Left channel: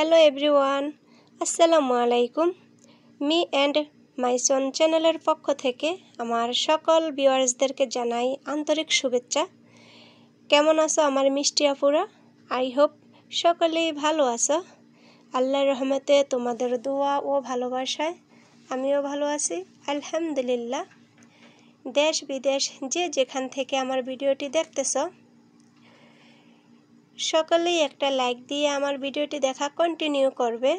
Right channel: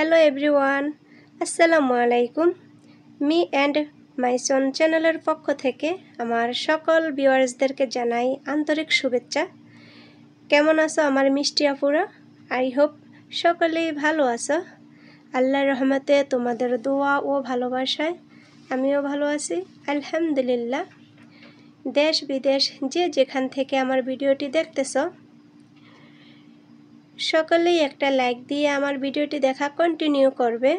Hello everyone, আসসালামু আলাইকুম। Me and my সন চ্যানেলের পক্ষ থেকে আমার সকল ভিউয়ার্সদেরকে জানাই আন্তরিক শুভেচ্ছা। কেমন আছো আমার মিষ্টি আপুরা? আই হোপ সকলেই ভালো আছো। আল্লাহর রহমতে তোমাদের দোয়া ও ভালোবাসায় আমিও ভালো আছি, আলহামদুলিল্লাহ। দেশ বিদেশ যে যেখান থেকে আমার ভিডিওটি দেখতেছো, সকলেই একটা লাইক দিয়ে আমার ভিডিওটি দেখা কন্টিনিউ করবে।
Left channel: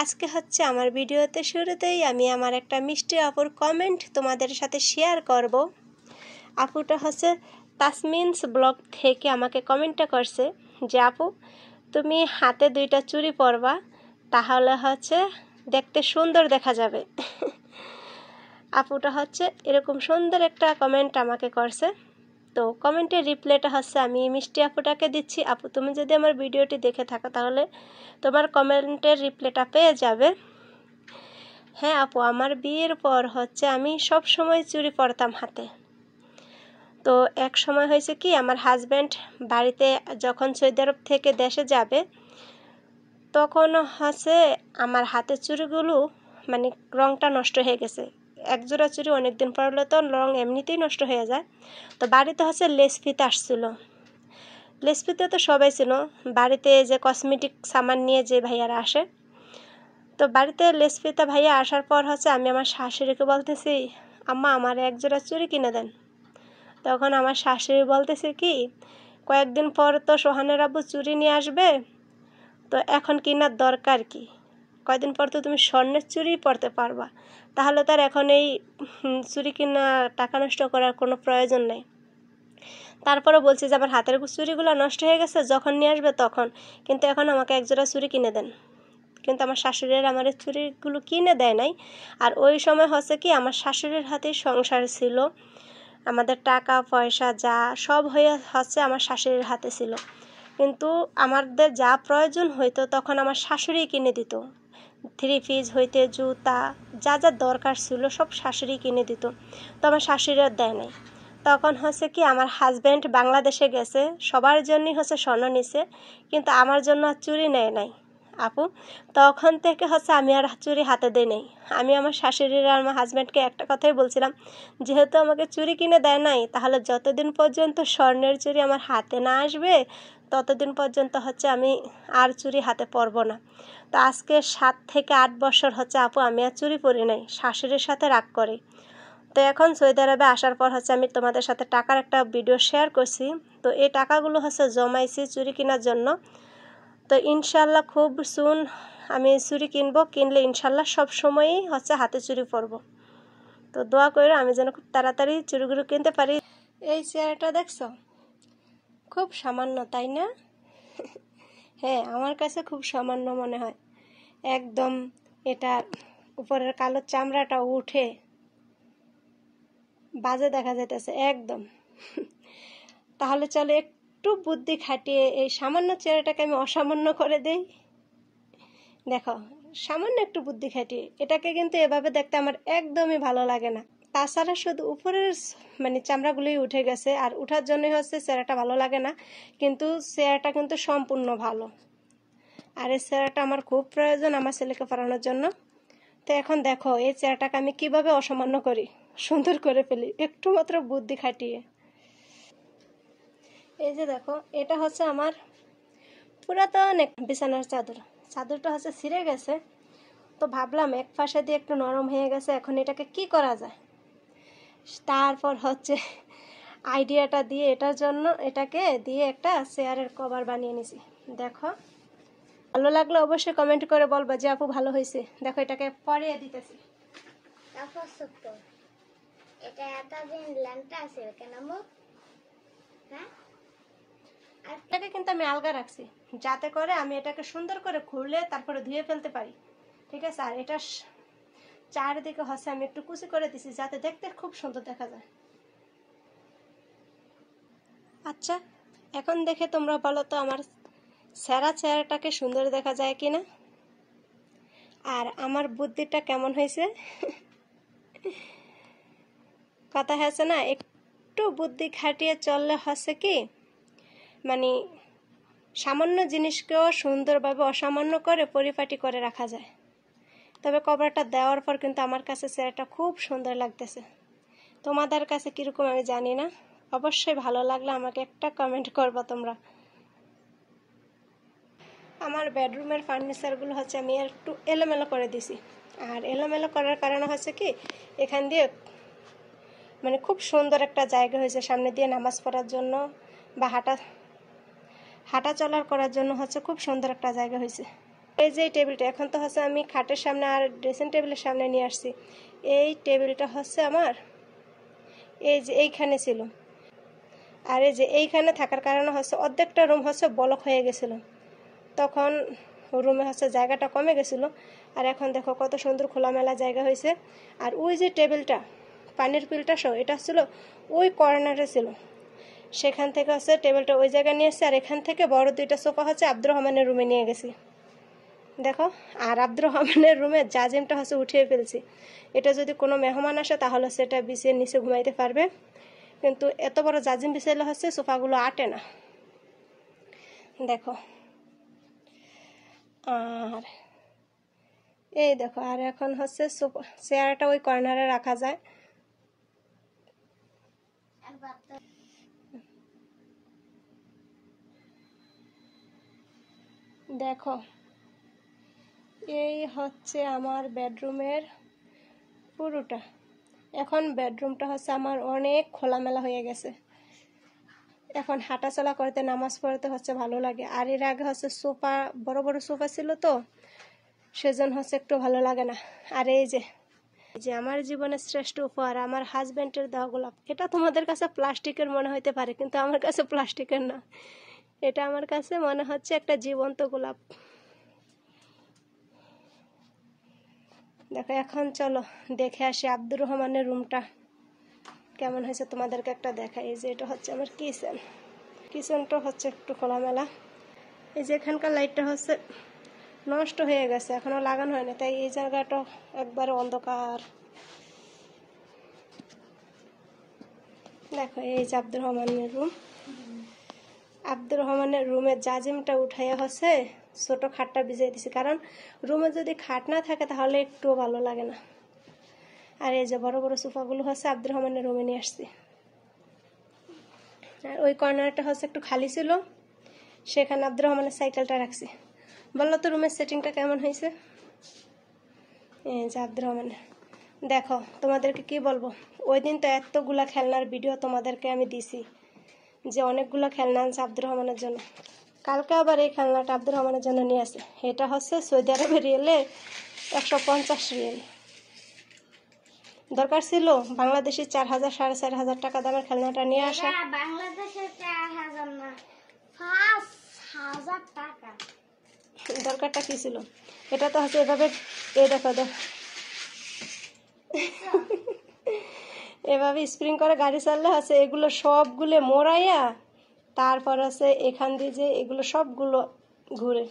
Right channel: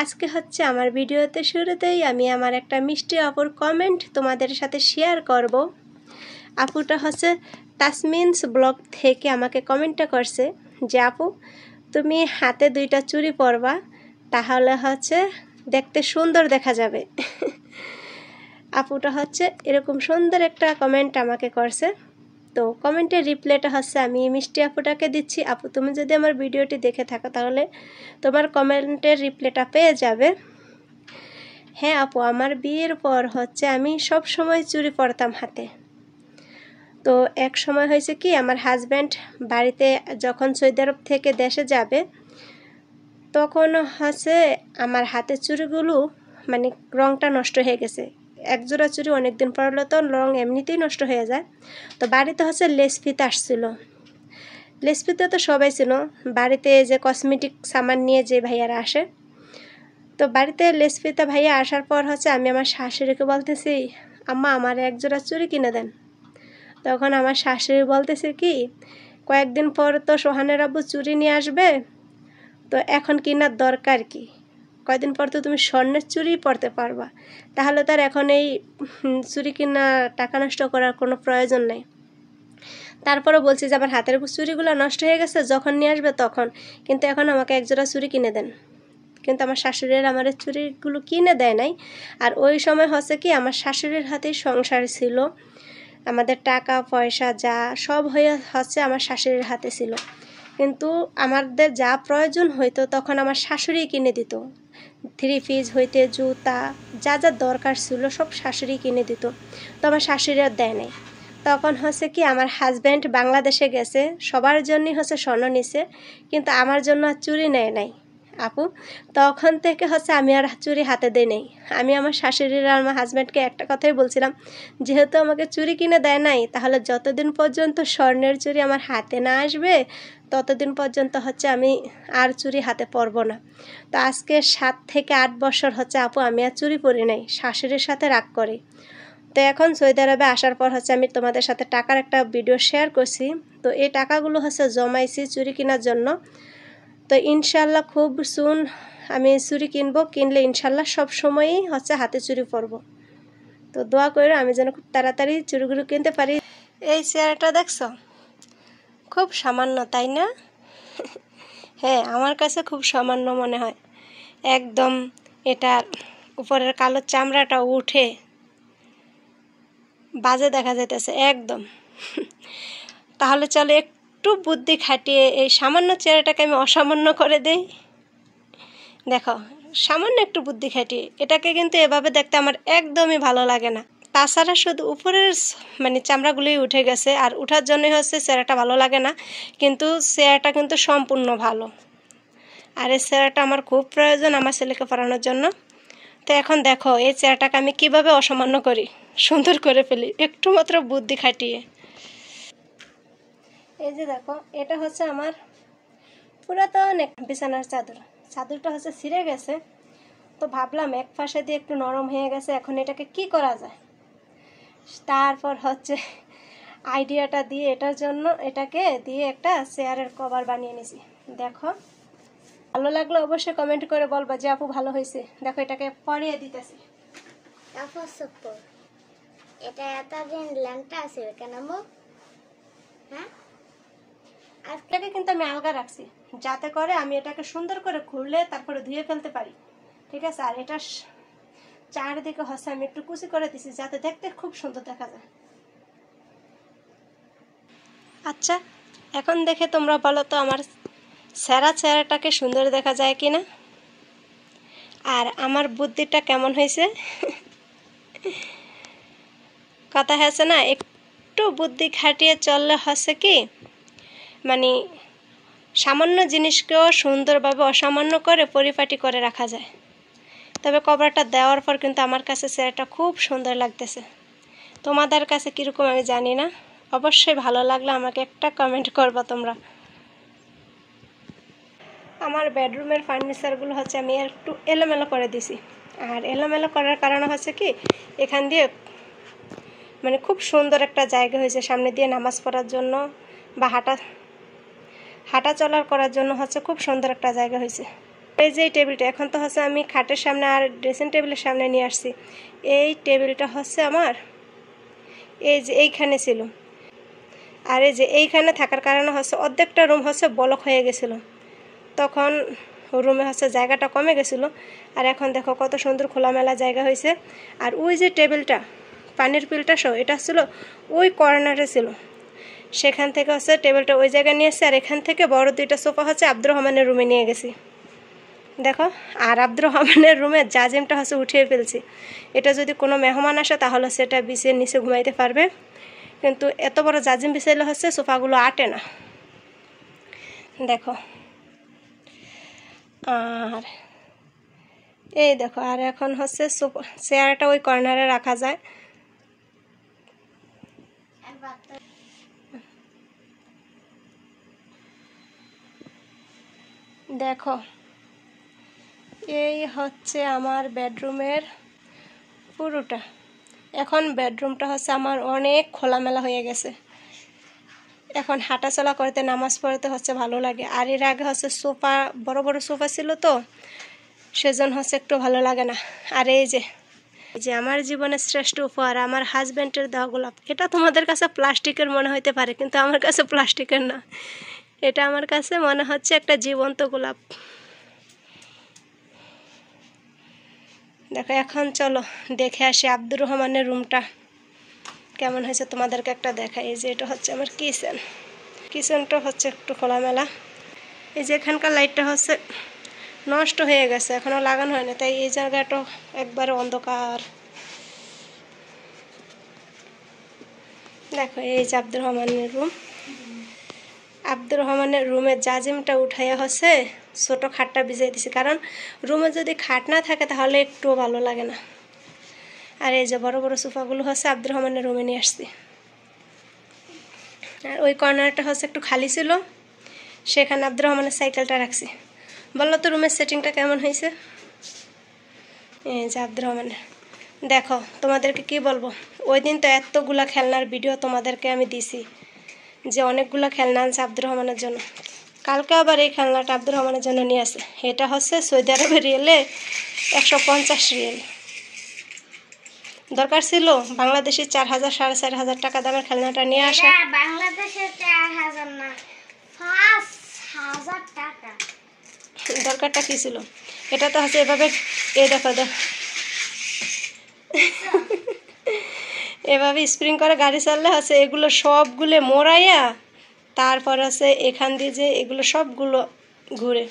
আজকে হচ্ছে আমার ভিডিওতে শুরুতেই আমি আমার একটা মিষ্টি আপুর কমেন্ট তোমাদের সাথে শেয়ার করব। আপুটা হচ্ছে তাসমিনস ব্লগ থেকে আমাকে কমেন্টটা করছে যে আপু তুমি হাতে 2টা চুড়ি পরবা, তাহলে হচ্ছে দেখতে সুন্দর দেখা যাবে। আপুটা হচ্ছে এরকম সুন্দর একটা কমেন্ট আমাকে করছে। তো কমেন্টের রিপ্লাইটা হচ্ছে আমি মিষ্টি আপুটাকে দিচ্ছি। আপু তুমি যদি আমার ভিডিওটি দেখে থাকো তাহলে তোমার কমেন্টের রিপ্লাইটা পেয়ে যাবে। হ্যাঁ আপু, আমার বিয়ের পর হচ্ছে আমি সব সময় চুড়ি পরতাম হাতে। তো এক সময় হয়েছে কি, আমার হাজব্যান্ড বাড়িতে যখন সৌদি আরব থেকে দেশে যাবে তখন হচ্ছে আমার হাতের চুড়িগুলো মানে রঙটা নষ্ট হয়ে গেছে। একজোড়া চুড়ি অনেকদিন পরলে তো রং এমনিতেই নষ্ট হয়ে যায়। তো বাড়িতে হচ্ছে লেস ফিতে আসছিল। লেস ফিতে তো সবাই ছিল, বাড়িতে যে কসমেটিক সামান নিয়ে যে ভাইয়ারা আসে। তো বাড়িতে লেস ফিতে ভাইয়া আসার পর হচ্ছে আমি আমার শাশুড়িকে বলতেছি, আম্মা আমার একজোড়া চুড়ি কিনে দেন। তখন আমার শাশুড়ি বলতেছে কি, কয়েকদিন পর তো সোহানের আব্বু চুড়ি নিয়ে আসবে, তো এখন কেনার দরকার কি? কয়দিন পর তো তুমি স্বর্ণের চুড়ি পরতে পারবা, তাহলে তার এখন এই চুড়ি কিনা টাকা নষ্ট করার কোনো প্রয়োজন নেই। তারপরে বলছি যে আমার হাতের চুড়িগুলো নষ্ট হয়ে গেছে, যখন নিয়ে আসবে তখন, কিন্তু এখন আমাকে একজোড়া চুড়ি কিনে দেন। কিন্তু আমার শাশুড়ির আমার চুড়িগুলো কিনে দেয় নাই। আর ওই সময় হচ্ছে কি, আমার শাশুড়ির হাতেই সংসার ছিল, আমাদের টাকা পয়সা যা সব হয়ে হচ্ছে আমার শাশুড়ির হাতে ছিল। কিন্তু আমাদের যা প্রয়োজন হইতো তখন আমার শাশুড়ি কিনে দিত। 3 পিস হইতে জুতা যা যা দরকার ছিল সব শাশুড়ি কিনে দিত। তো আমার শাশুড়ি আর দেয় নাই। তখন হচ্ছে কি, আমার হাজব্যান্ড বাংলাদেশে গেছে, সবার জন্যই হচ্ছে স্বর্ণ নিছে, কিন্তু আমার জন্য আর চুড়ি নেয় নাই আপু। তখন থেকে হচ্ছে আমি আর চুড়ি হাতে দেই নাই। আমি আমার শাশুড়ির আর আমার হাজব্যান্ডকে একটা কথাই বলছিলাম, যেহেতু আমাকে চুড়ি কিনে দেয় নাই, তাহলে যতদিন পর্যন্ত স্বর্ণের চুড়ি আমার হাতে না আসবে ততদিন পর্যন্ত হচ্ছে আমি আর চুড়ি হাতে পরবো না। তো আজকে 7 থেকে 8 বছর হচ্ছে আপু আমি আর চুড়ি পরি নাই, শাশুড়ির সাথে রাগ করি। তো এখন সৌদি আরবে আসার পর হচ্ছে আমি তোমাদের সাথে টাকার একটা ভিডিও শেয়ার করছি। তো এই টাকাগুলো হচ্ছে জমাইছি চুড়ি কেনার জন্য। তো ইনশাল্লাহ খুব সুন আমি চুড়ি কিনবো, কিনলে ইনশাল্লাহ সব সময়ই হচ্ছে হাতে চুড়ি পরবো। তো দোয়া করে আমি যেন খুব তাড়াতাড়ি চুড়িগুলো কিনতে পারি। এই চেয়ারটা দেখছো, খুব সামান্য তাই না? হ্যাঁ, আমার কাছে খুব সামান্য মনে হয়। একদম এটার উপরের কালো চামড়াটা উঠে বাজে দেখা যাইতেছে একদম। তাহলে চলো একটু বুদ্ধি খাটিয়ে এই সামান্য চেয়ারটাকে আমি অসামান্য করে দেই। দেখো, সামান্য একটু বুদ্ধি খাটিয়ে এটাকে, কিন্তু এভাবে দেখতে আমার একদমই ভালো লাগে না। তাছাড়া শুধু উপরের মানে চামড়াগুলোই উঠে গেছে, আর উঠার জন্যই হচ্ছে চেয়ারটা ভালো লাগে না, কিন্তু চেয়ারটা কিন্তু সম্পূর্ণ ভালো। আর এই চেয়ারটা আমার খুব প্রয়োজন আমার ছেলেকে পড়ানোর জন্য। তো এখন দেখো এই চেয়ারটাকে আমি কিভাবে অসামান্য করি, সুন্দর করে ফেলি একটু মাত্র বুদ্ধি খাটিয়ে। এই যে দেখো, এটা হচ্ছে আমার পুরাতন এক বিছানার চাদর। চাদরটা হচ্ছে ছিঁড়ে গেছে, তো ভাবলাম এক পাশে দিয়ে একটু নরম হয়ে গেছে, এখন এটাকে কি করা যায়। তারপর হচ্ছে আইডিয়াটা দিয়ে এটার জন্য এটাকে দিয়ে একটা চেয়ারের কভার বানিয়ে নিছি। দেখো, ভালো লাগলো অবশ্যই কমেন্ট করে বলবা যে আপু ভালো হয়েছে। দেখো এটাকে পরিয়ে দিতেছি। এটা এতদিন ল্যাংটা আছে কেন মো? হ্যাঁ, আজকে কিন্তু আমি আলগা রাখছি যাতে করে আমি এটাকে সুন্দর করে খুললে তারপরে ধুয়ে ফেলতে পারি, ঠিক আছে। আর এটা চারিদিকে হচ্ছে আমি একটু কুচি করে দিছি যাতে দেখতে খুব সুন্দর দেখা যায়। আচ্ছা, এখন দেখে তোমরা বলো তো আমার সেরা চেহারাটাকে সুন্দর দেখা যায় কিনা, আর আমার বুদ্ধিটা কেমন হয়েছে। কথা হয়েছে না, একটু বুদ্ধি খাটিয়ে চললে হচ্ছে কি মানে সামান্য জিনিসকেও সুন্দরভাবে অসামান্য করে পরিপাটি করে রাখা যায়। তবে কভারটা দেওয়ার পর কিন্তু আমার কাছে চেয়ারটা খুব সুন্দর লাগতেছে। তোমাদের কাছে কীরকম আমি জানি না, অবশ্যই ভালো লাগলে আমাকে একটা কমেন্ট করবা তোমরা। আমার বেডরুমের ফার্নিচারগুলো হচ্ছে আমি একটু এলোমেলো করে দিছি। আর এলোমেলো করার কারণ হচ্ছে কি, এখান দিয়ে মানে খুব সুন্দর একটা জায়গা হয়েছে সামনে দিয়ে নামাজ পড়ার জন্য বা হাঁটা চলার করার জন্য হচ্ছে খুব সুন্দর একটা জায়গা হয়েছে। এই যে টেবিলটা এখন তো হচ্ছে আমি খাটের সামনে আর ড্রেসিং টেবিলের সামনে নিয়ে আসছি। এই টেবিলটা হচ্ছে আমার এই যে এইখানে ছিল, আর এই যে এইখানে থাকার কারণে হচ্ছে অর্ধেকটা রুম হচ্ছে ব্লক হয়ে গেছিলো, তখন রুমে হচ্ছে জায়গাটা কমে গেছিলো। আর এখন দেখো কত সুন্দর খোলামেলা জায়গা হয়েছে। আর ওই যে টেবিলটা পানির পিলটা সহ এটা ছিল ওই কর্নারে ছিল, সেখান থেকে হচ্ছে টেবিলটা ওই জায়গায় নিয়ে এসেছি। আর এখান থেকে বড় দুইটা সোফা হচ্ছে আব্দুর রহমানের রুমে নিয়ে গেছি দেখো। আর আব্দুর রহমানের রুমের জাজিমটা হচ্ছে উঠিয়ে ফেলছি। এটা যদি কোনো মেহমান আসে তাহলে সেটা বিছিয়ে নিচে ঘুমাইতে পারবে, কিন্তু এত বড় জাজিম বিছাইলে হচ্ছে সোফাগুলো আটে না দেখো। আর এই দেখো, আর এখন হচ্ছে চেয়ারটা ওই কর্নারে রাখা যায়। দেখো এই হচ্ছে আমার বেডরুমের পুরোটা। এখন বেডরুমটা হচ্ছে আমার অনেক খোলামেলা হয়ে গেছে, এখন হাঁটাচলা করতে নামাজ পড়তে হচ্ছে ভালো লাগে। আর এর আগে হচ্ছে সোফা বড় বড় সোফা ছিল তো সেজন্য হচ্ছে একটু ভালো লাগে না। আর এই যে আমার জীবনের শ্রেষ্ঠ উপহার আমার হাজব্যান্ডের দেওয়া গোলাপ, এটা তোমাদের কাছে প্লাস্টিকের মনে হতে পারে কিন্তু আমার কাছে প্লাস্টিকের না, এটা আমার কাছে মনে হচ্ছে একটা জীবন্ত গোলাপ। দেখো এখন চলো দেখে আসি আব্দুর রহমানের রুমটা কেমন হয়েছে, তোমাদেরকে একটা দেখাই। এই যে এটা হচ্ছে আমার কিচেনটা হচ্ছে একটু খোলামেলা। এই যে এখানকার লাইটটা হচ্ছে নষ্ট হয়ে গেছে, এখনও লাগানো হয়নি, তাই এই জায়গাটা একবারে অন্ধকার। দেখো এই যে আব্দুর রহমানের রুম। আব্দুর রহমানের রুমের জাজিমটা উঠাইয়া হচ্ছে ছোটো খাটটা ভিজিয়ে দিছি, কারণ রুমে যদি খাট না থাকে তাহলে একটুও ভালো লাগে না। আর এই যে বড় বড় সোফাগুলো হচ্ছে আব্দুর রহমানের রুমে নিয়ে আসছি। আর ওই কর্নারটা হচ্ছে একটু খালি ছিল, সেখানে আব্দুর রহমানের সাইকেলটা রাখছি। বললো তো রুমের সেটিংটা কেমন হয়েছে। এই যে আব্দুর রহমানের, দেখো তোমাদেরকে কি বলবো, ওই দিন তো এতগুলা খেলনার ভিডিও তোমাদেরকে আমি দিছি যে অনেকগুলো খেলনা আনছে আব্দুর রহমানের জন্য। কালকে আবার এই খেলনাটা আব্দুর রহমানের জন্য নিয়ে আসে। এটা হচ্ছে সৌদি আরবের রিয়েলে 150 রিয়েল। দরকার ছিল বাংলাদেশি 4000 4500 টাকা দামের খেলনাটা নিয়ে আসা। বাংলাদেশের 4000 না 5000 টাকা। দরকারটা কি ছিল, এটা তো হচ্ছে এভাবে এই দেখো এভাবে স্প্রিং করে গাড়ি চাললে হচ্ছে এগুলো সবগুলো মোড়াইয়া তারপর হচ্ছে এখান দিয়ে যে এগুলো সবগুলো ঘুরে।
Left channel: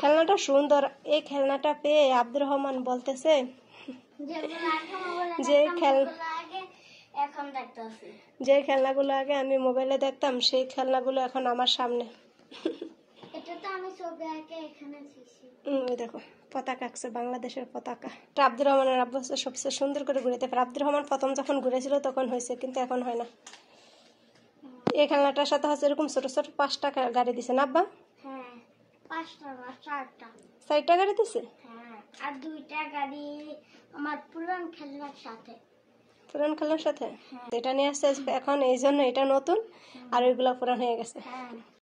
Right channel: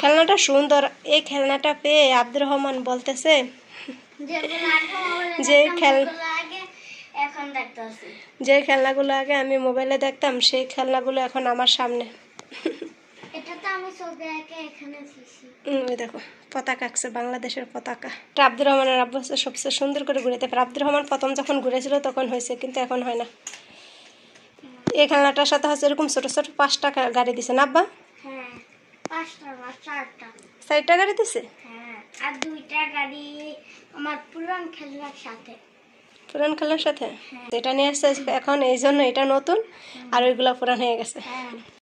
খেলনাটা সুন্দর, এই খেলনাটা পেয়ে আব্দুর রহমান বলতেছে যে খেলনাগুলো আগে আমি মোবাইলে দেখতাম সেই খেলনাগুলো এখন আমার সামনে। ওই দেখো পতাকা আঁকছে, বাংলাদেশের পতাকা। আব্দুর রহমানের আব্বু হচ্ছে সবচেয়ে সুন্দর করে ঘুরেতে পারে। আব্দুর রহমান প্রথম যখন ঘুরেছিল তখন হয়েছে, কিন্তু এখন হয় না। এই খেলনাটার সাথে হচ্ছে এরকম ছোট ছোট 5টা গাড়ি দিছে না আব্বা? হ্যাঁ 5টা না 4টা। 4টা গাড়ি দিছে? হ্যাঁ, আর 2টা গাড়ি আমার পুরান খেলনার সাথে। পুরান খেলনার সাথে? এটা নিয়ে আসছে এখন, এই জন্য এটা নতুন আর ওইগুলো পুরান হয়ে গেছে। হ্যাঁ।